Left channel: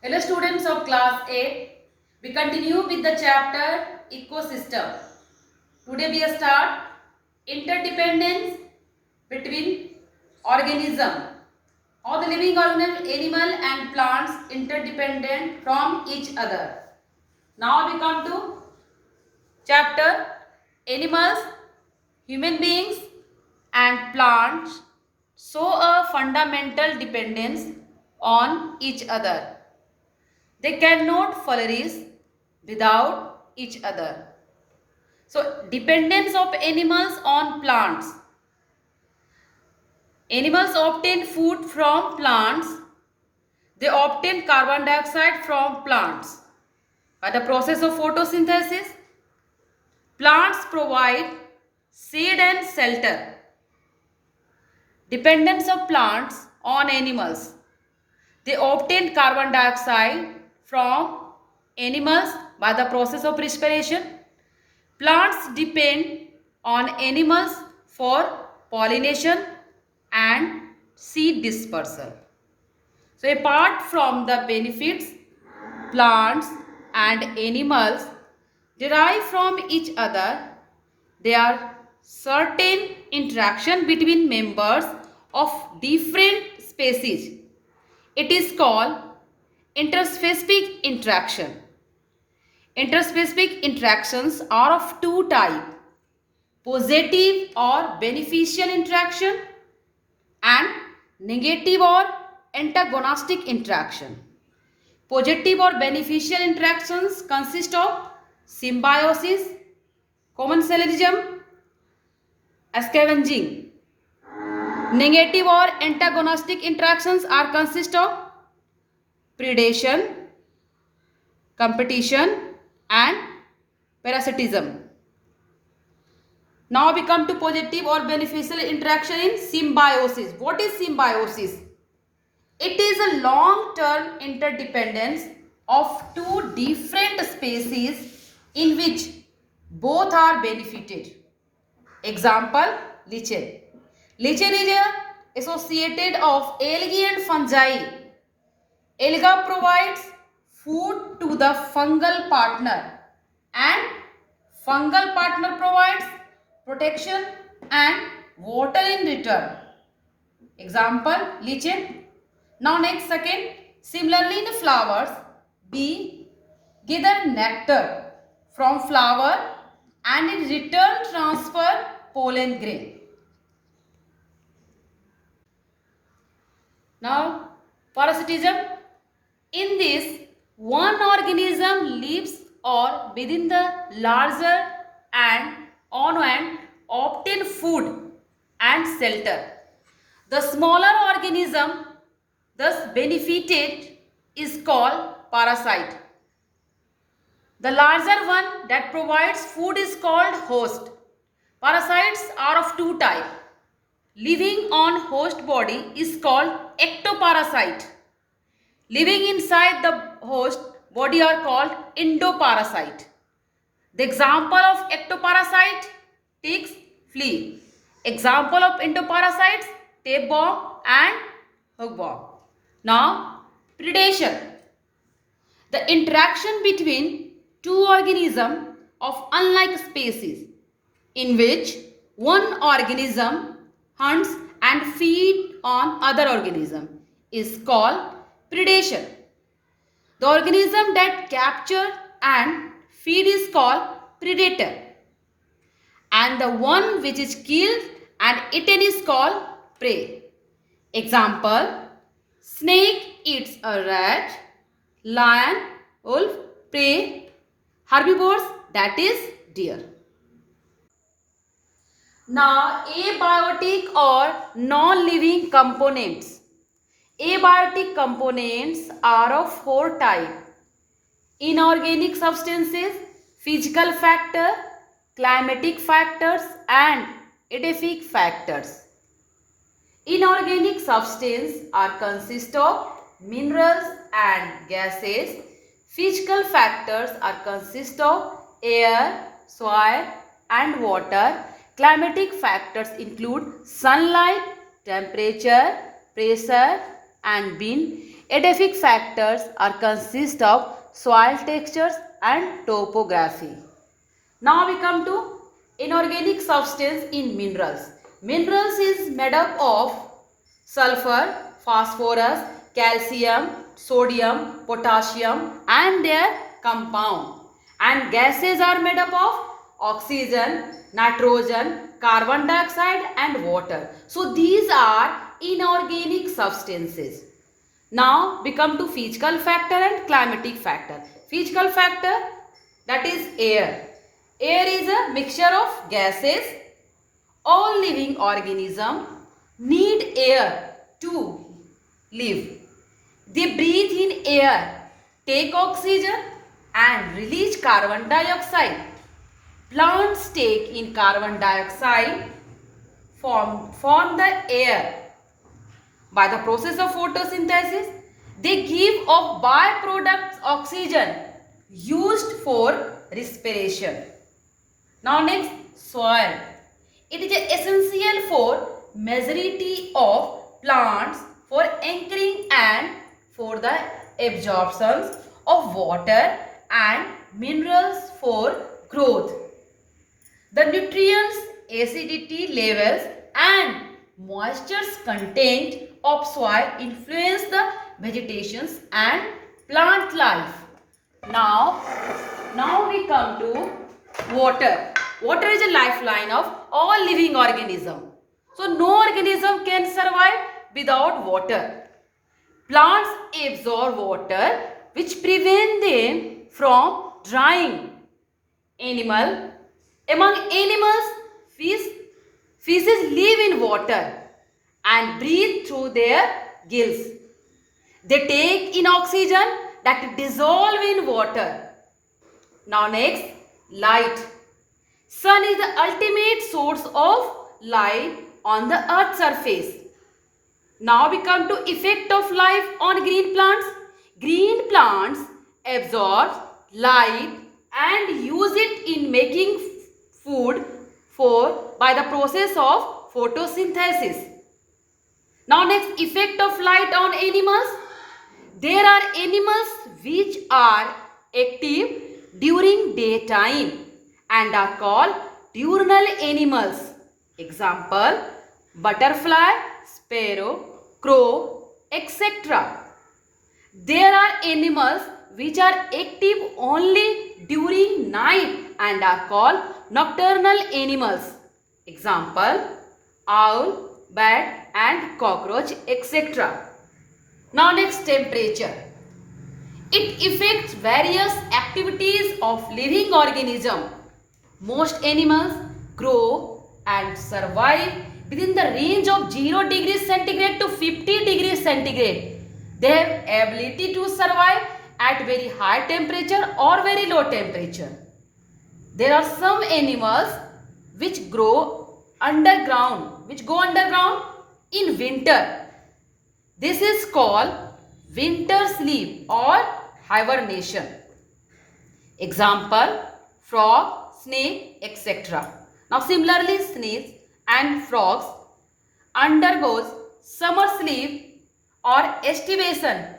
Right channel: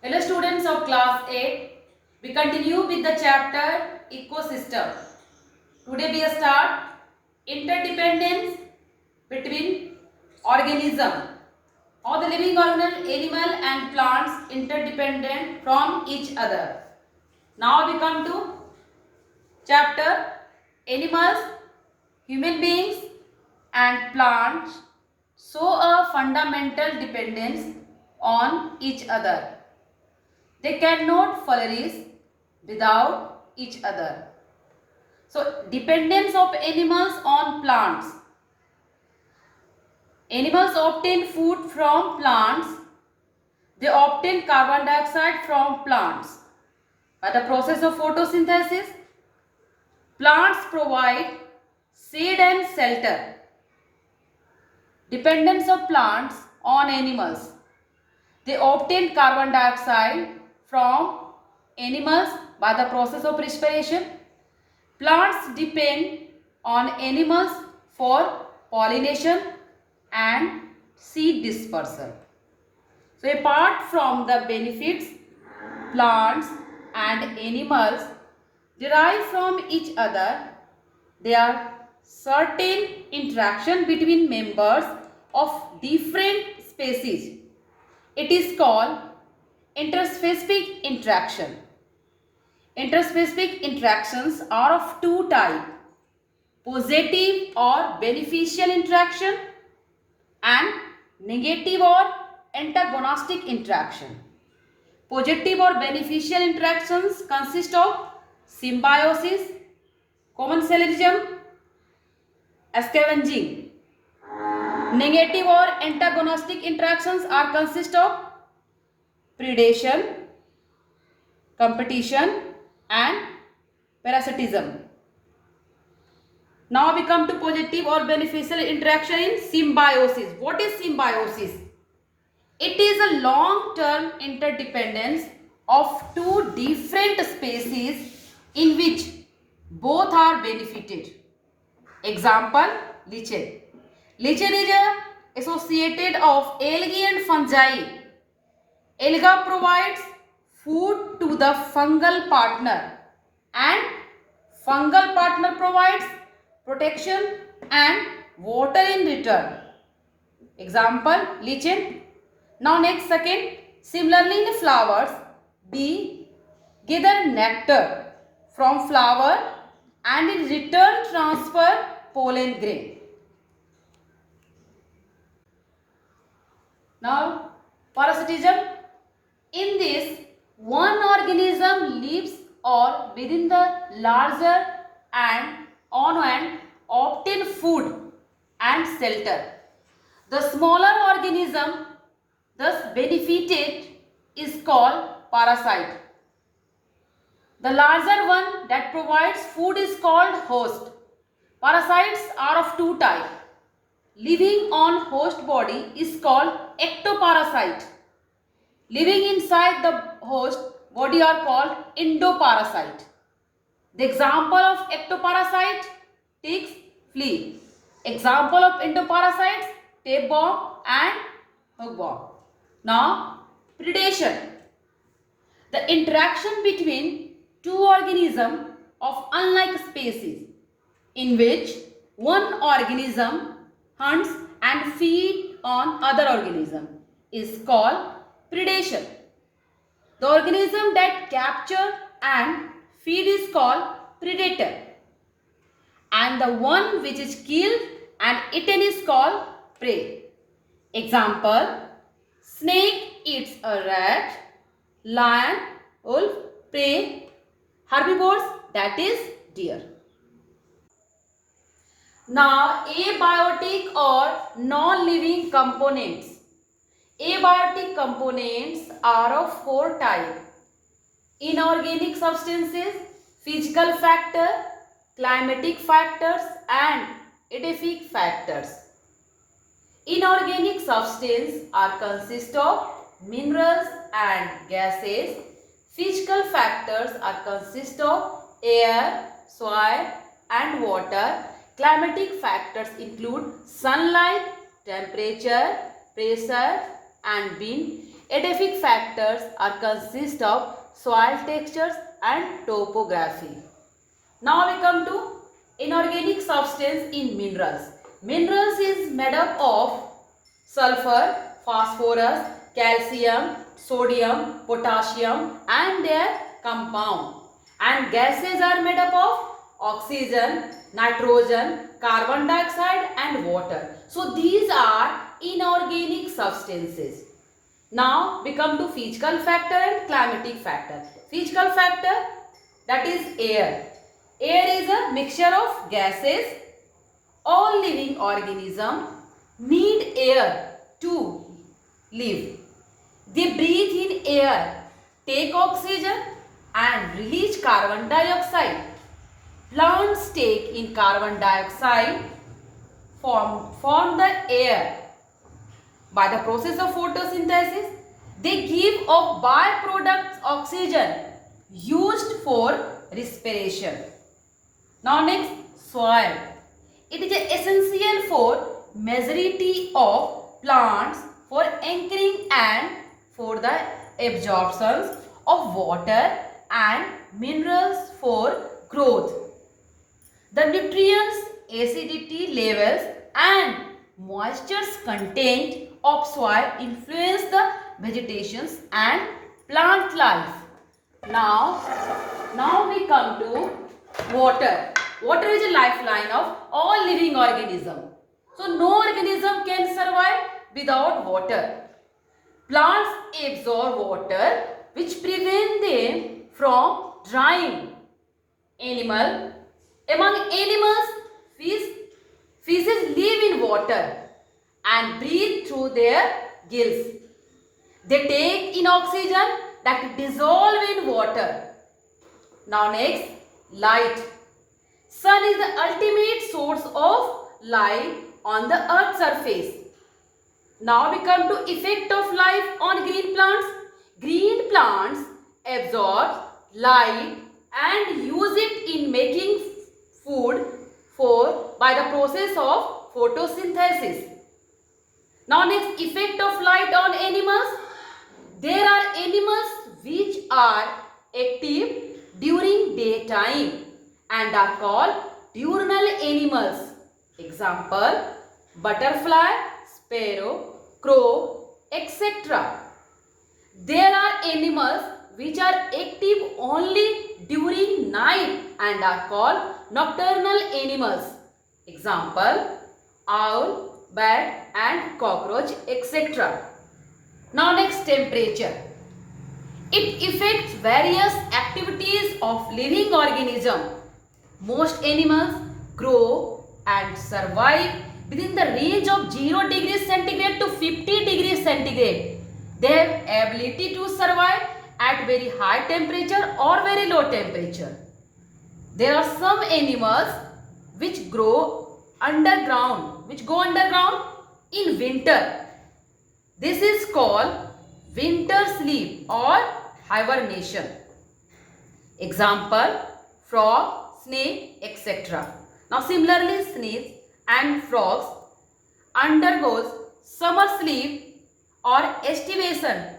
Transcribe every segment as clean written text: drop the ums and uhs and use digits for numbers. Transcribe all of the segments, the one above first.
Hello students of class 8, we continue with the chapter ecosystem. Today we start interdependence between organism. All the living animal and plants interdependent from each other. Now we come to chapter animals, human beings and plants show a fundamental dependence on each other. They cannot flourish without each other. So, dependence of animals on plants. Animals obtain food from plants. They obtain carbon dioxide from plants. By the process of photosynthesis, plants provide shade and shelter. Dependence of plants on animals. They obtain carbon dioxide from animals by the process of respiration. Plants depend on animals for pollination and seed dispersal. So apart from the benefits plants and animals derive from each other, there are certain interaction between members of different species. It is called interspecific interaction. Interspecific interactions are of two types: positive or beneficial interaction and negative or antagonistic interaction. Positive or beneficial interactions consist of symbiosis, commensalism, scavenging. Negative or antagonistic interactions are consist of predation, competition and parasitism. Now we come to positive or beneficial interaction in symbiosis. What is symbiosis? It is a long-term interdependence of two different species in which both are benefited. Example, lichen. Lichen is associated of algae and fungi. Alga provides food to the fungal partner and fungal partner provides protection and water in return. Example, lichen. Now next second, similarly in flowers, bee gather nectar from flower and in return transfer pollen grain. Now parasitism. In this, one organism lives or within the larger and on and obtain food and shelter. The smaller organism thus benefited is called parasite. The larger one that provides food is called host. Parasites are of two types. Living on host body is called ectoparasite. Living inside the host body are called endoparasite. The example of ectoparasite, ticks, flea. Example of endoparasites, tapeworm and hookworm. Now, predation. The interaction between two organisms of unlike species in which one organism hunts and feeds on other organism is called predation. The organism that capture and feed is called predator and the one which is killed and eaten is called prey. Example, snake eats a rat, lion, wolf, prey, herbivores that is deer. Now abiotic or non-living components. Abiotic components are of four types: inorganic substances, physical factor, climatic factors and edaphic factors. Inorganic substances are consist of minerals and gases. Physical factors are consist of air, soil and water. Climatic factors include sunlight, temperature, pressure and wind. Edaphic factors are consist of soil textures and topography. Now we come to inorganic substance in minerals. Minerals is made up of sulfur, phosphorus, calcium, sodium, potassium and their compound. And gases are made up of oxygen, nitrogen, carbon dioxide and water. So these are inorganic substances. Now we come to physical factor and climatic factor. Physical factor, that is air. Air is a mixture of gases. All living organisms need air to live. They breathe in air, take oxygen and release carbon dioxide. Plants take in carbon dioxide, form the air. By the process of photosynthesis, they give off byproducts oxygen used for respiration. Now next, soil. It is essential for majority of plants for anchoring and for the absorption of water and minerals for growth. The nutrients, acidity levels and moisture's content of soil influence the vegetations and plant life. Now we come to water. Water is a lifeline of all living organisms. So no organism can survive without water. Plants absorb water which prevent them from drying. Among animals, fishes live in water and breathe through their gills. They take in oxygen that dissolve in water. Now next, light. Sun is the ultimate source of light on the earth's surface. Now we come to effect of life on green plants. Green plants absorb light and use it in making food by the process of photosynthesis. Now next, effect of light on animals. There are animals which are active during daytime and are called diurnal animals. Example, butterfly, sparrow, crow, etc. There are animals which are active only during night and are called nocturnal animals. Example, owl, bat and cockroach, etc. Now next, temperature. It affects various activities of living organism. Most animals grow and survive within the range of 0 degrees centigrade to 50 degrees centigrade. They have ability to survive at very high temperature or very low temperature. There are some animals which go underground in winter. This is called winter sleep or hibernation. Example, frog, snake, etc. Now similarly, snakes and frogs undergoes summer sleep or estivation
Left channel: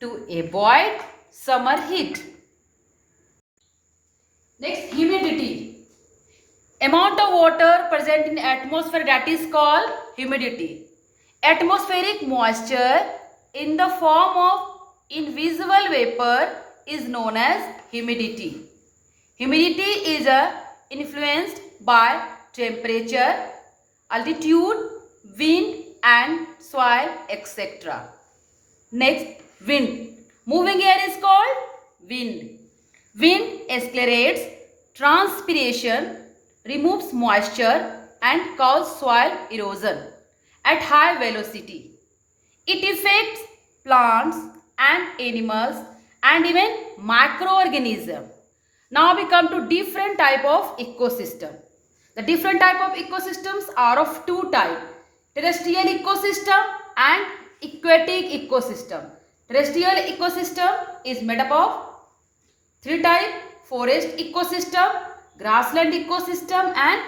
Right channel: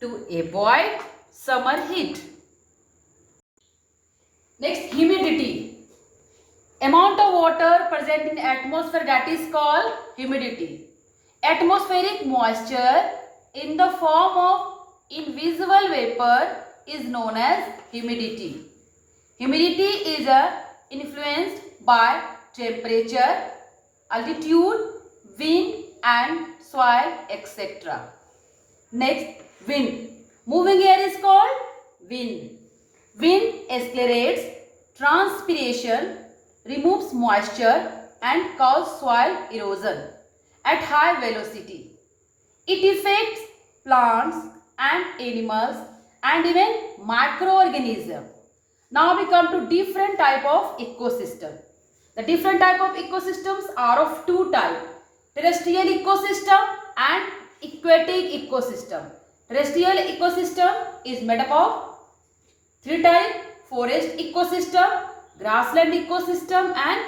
to avoid summer heat. Next, humidity. Amount of water present in atmosphere, that is called humidity. Atmospheric moisture in the form of invisible vapor is known as humidity. Humidity is influenced by temperature, altitude, wind and soil, etc. Next, wind. Moving air is called wind. Wind accelerates transpiration, removes moisture and causes soil erosion at high velocity. It affects plants and animals and even microorganisms. Now we come to different type of ecosystem. The different type of ecosystems are of two types: terrestrial ecosystem and aquatic ecosystem. Terrestrial ecosystem is made up of three types: forest ecosystem, grassland ecosystem and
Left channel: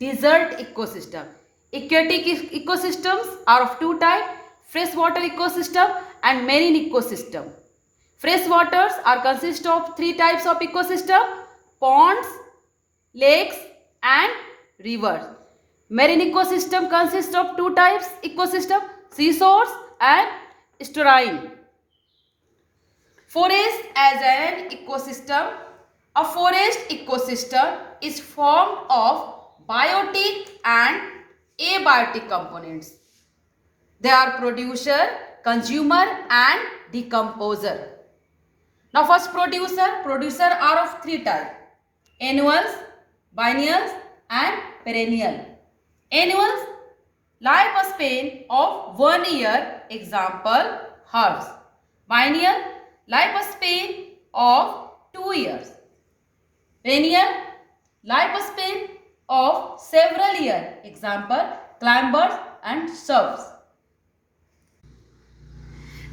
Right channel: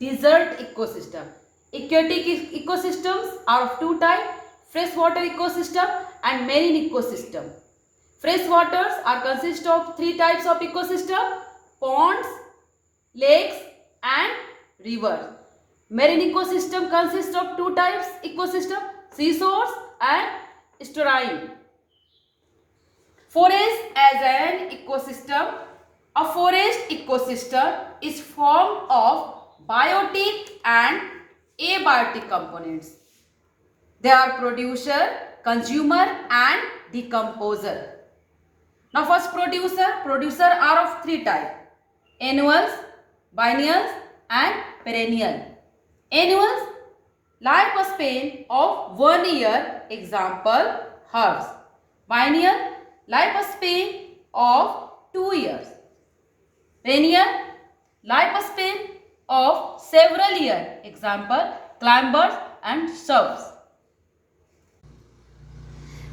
desert ecosystem. Aquatic ecosystems are of two types: freshwater ecosystem and marine ecosystem. Fresh waters are consist of three types of ecosystem: ponds, lakes and rivers. Marine ecosystem consists of two types ecosystem: seashores and estuarine. Forest as an ecosystem. A forest ecosystem is formed of biotic and abiotic components. They are producer, consumer and decomposer. Now first producer are of three types: annuals, biennials and perennial. Annuals, lifespan of 1 year, example herbs. Biennial, lifespan of 2 years. Perennial, lifespan of several years, example climbers and shrubs.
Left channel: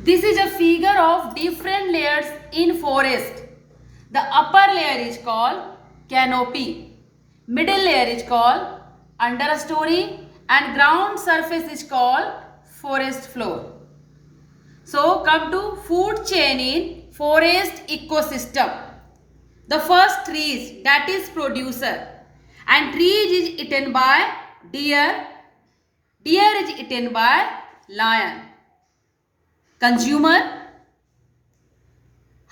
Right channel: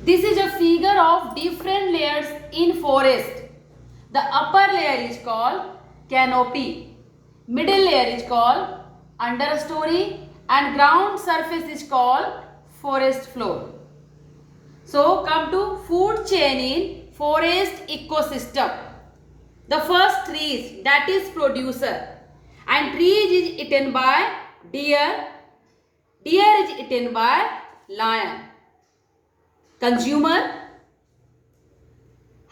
This is a figure of different layers in forest. The upper layer is called canopy, middle layer is called understory and ground surface is called forest floor. So come to food chain in forest ecosystem. The first trees, that is producer, and trees is eaten by deer, deer is eaten by lion. Consumer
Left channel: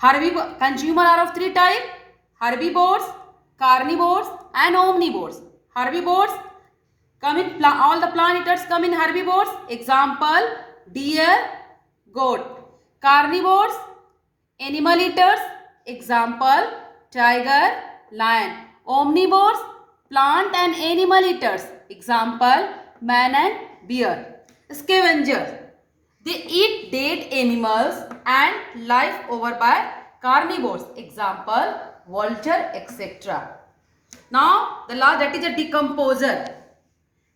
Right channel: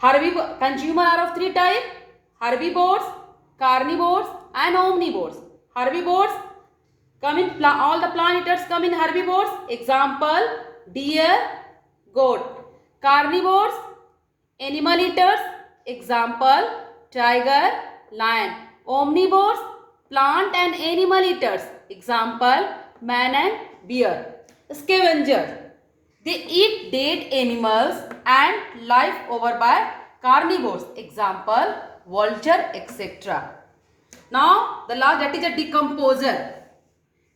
are of three types: herbivores, carnivores and omnivores. Herbivores come in, all the plant eaters come in herbivores, example deer, goat. Carnivores, animal eaters, example tiger, lion. Omnivores, plant and animal eaters, example man and bear. Scavengers, they eat dead animals and live over by carnivores, example vulture, etc. Now the last, that is a decomposer.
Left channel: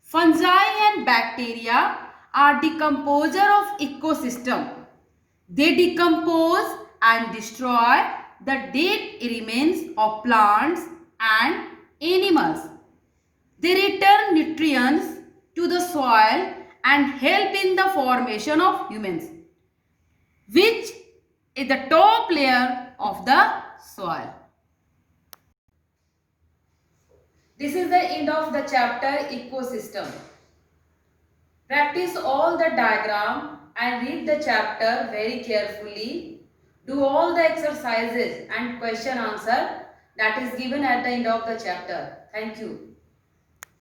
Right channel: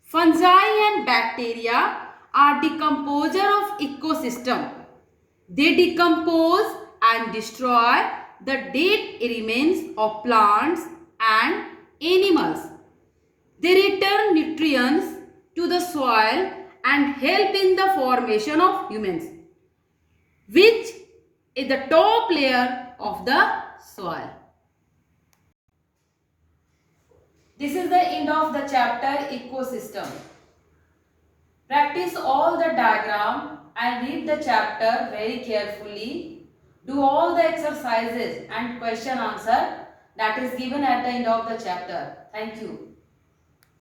Fungi and bacteria are decomposer of ecosystem. They decompose and destroy the dead remains of plants and animals. They return nutrients to the soil and help in the formation of humans, which is the top layer of the soil. This is the end of the chapter ecosystem. Practice all the diagram and read the chapter very carefully. Do all the exercises and question answer that is given at the end of the chapter. Thank you.